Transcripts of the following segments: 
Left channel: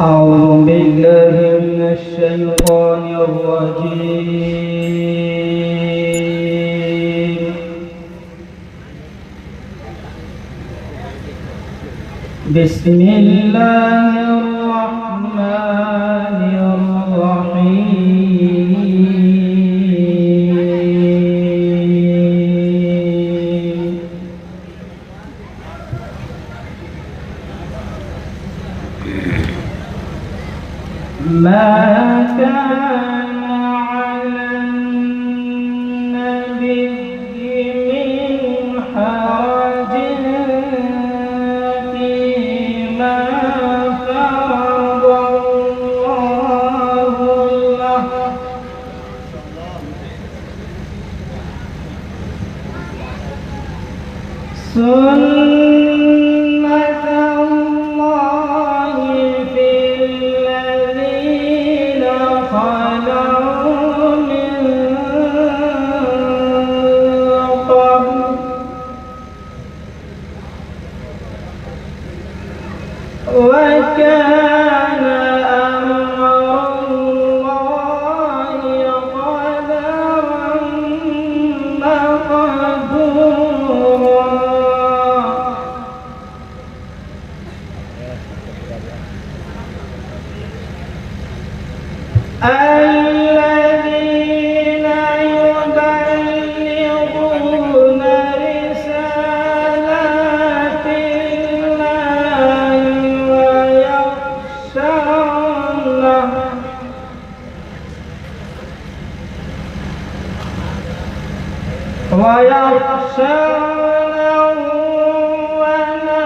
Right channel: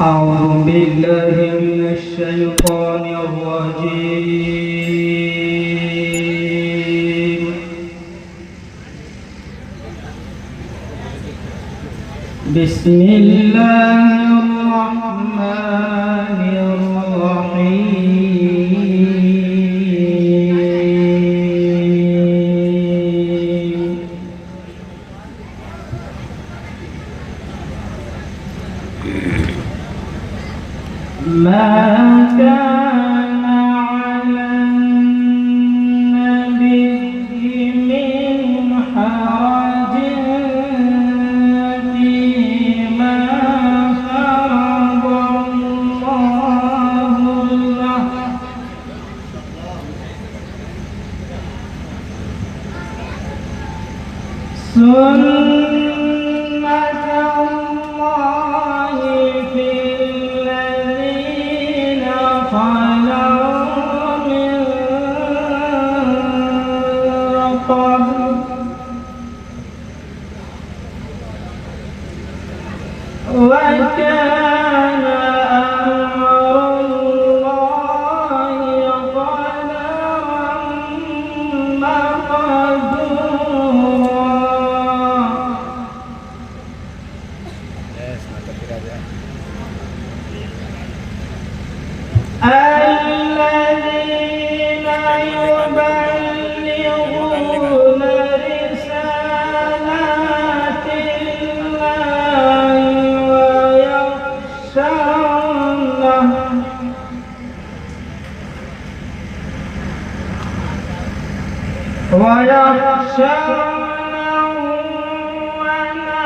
أعوذ بالله من الشيطان الرجيم. بسم الله الرحمن الرحيم. ما كان على النبي من حرج فيما فرض الله له، سنة الله في الذين خلوا من قبل، وكان أمر الله قدرا مقدورا. الذين يبلغون رسالات الله ويخشونه ولا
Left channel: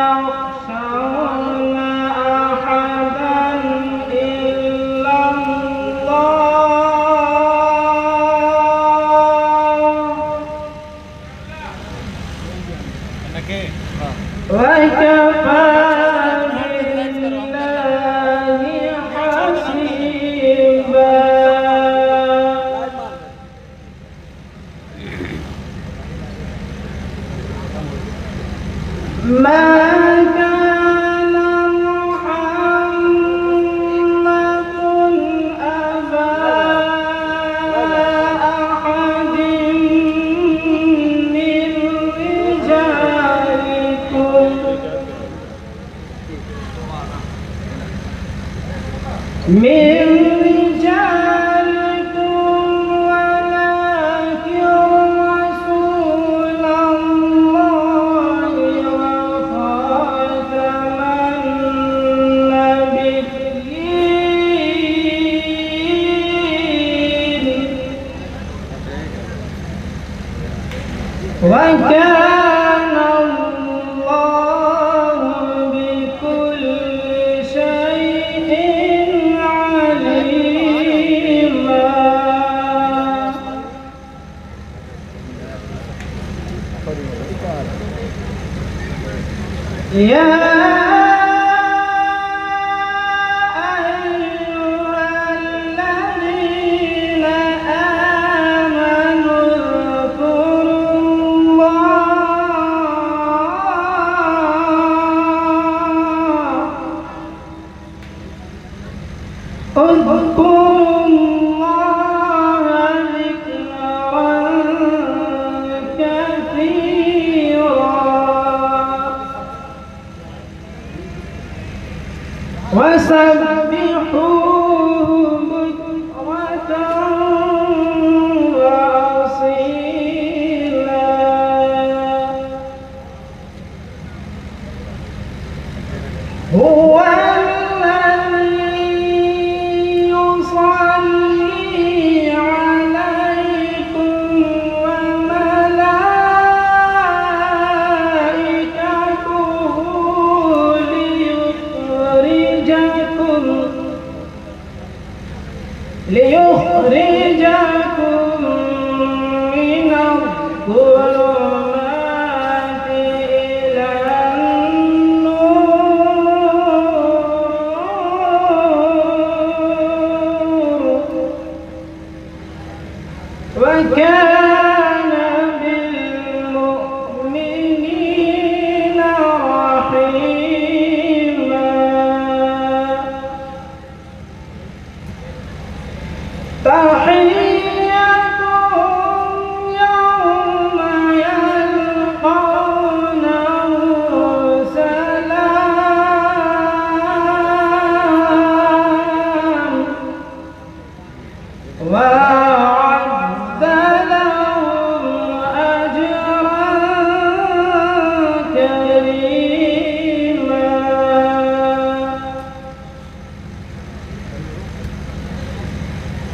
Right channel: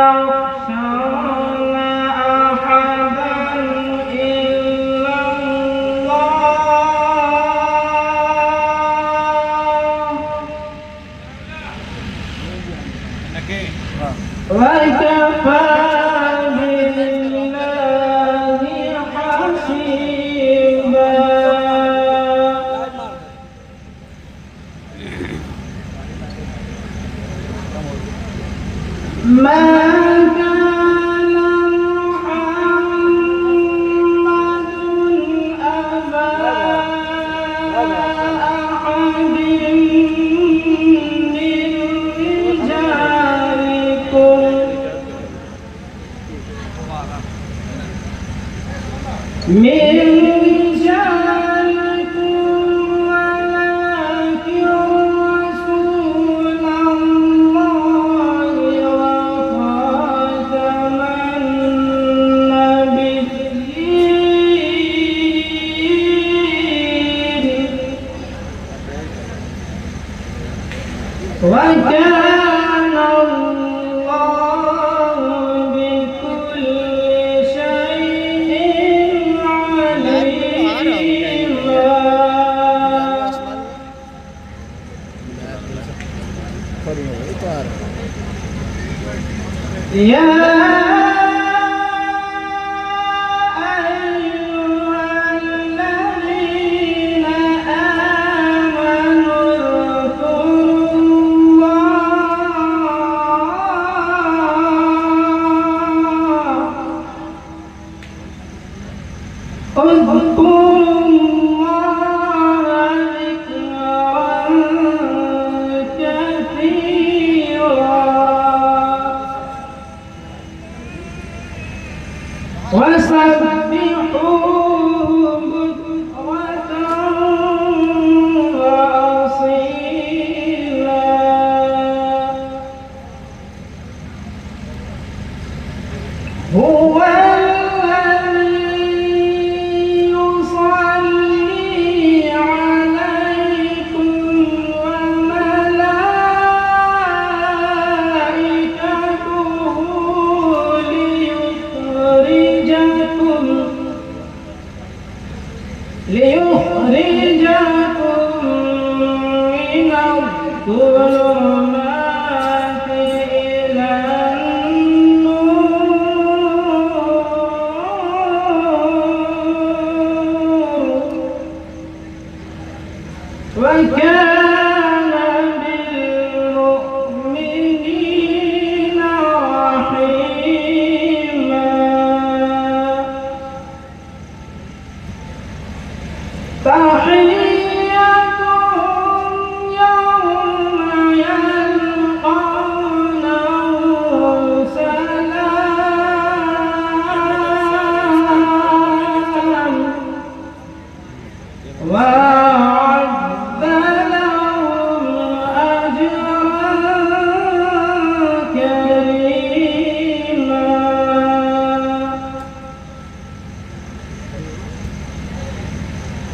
يخشون أحدا إلا الله، وكفى بالله حسيبا. ما كان محمد أبا أحد من رجالكم ولكن رسول الله وخاتم النبيين، وكان الله بكل شيء عليما. يا أيها الذين آمنوا اذكروا الله ذكرا كثيرا وسبحوه بكرة وأصيلا. هو الذي يصلي عليكم وملائكته ليخرجكم من الظلمات إلى النور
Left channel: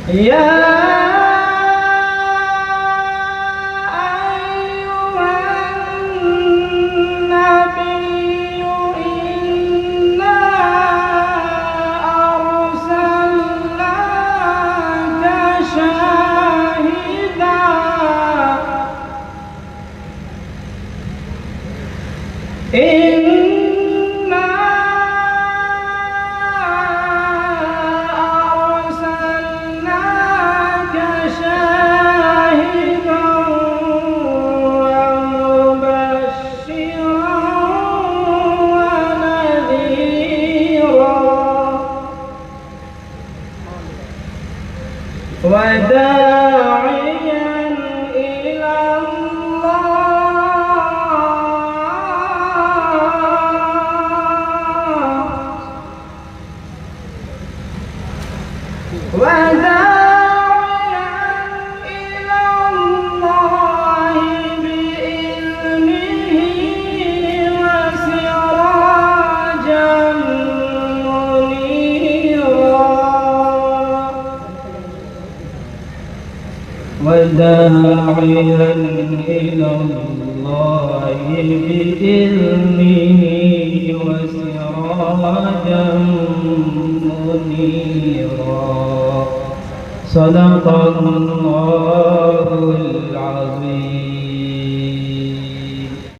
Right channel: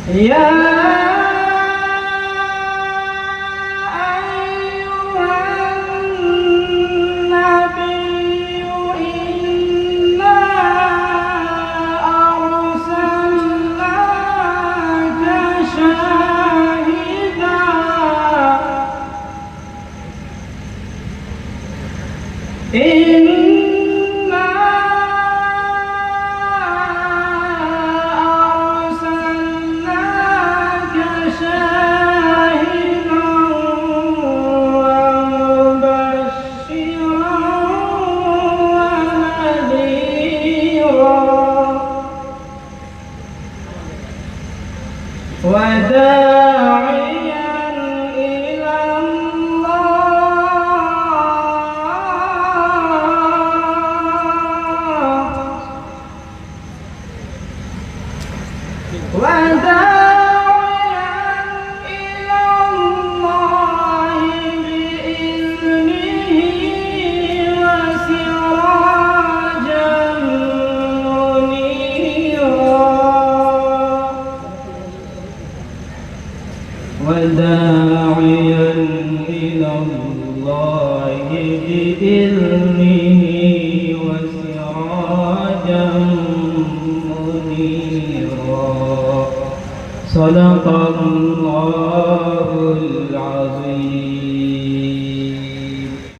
يا وداعيا إلى الله بإذنه وسراجا منيرا وداعيا إلى الله بإذنه وسراجا منيرا صدق الله العظيم.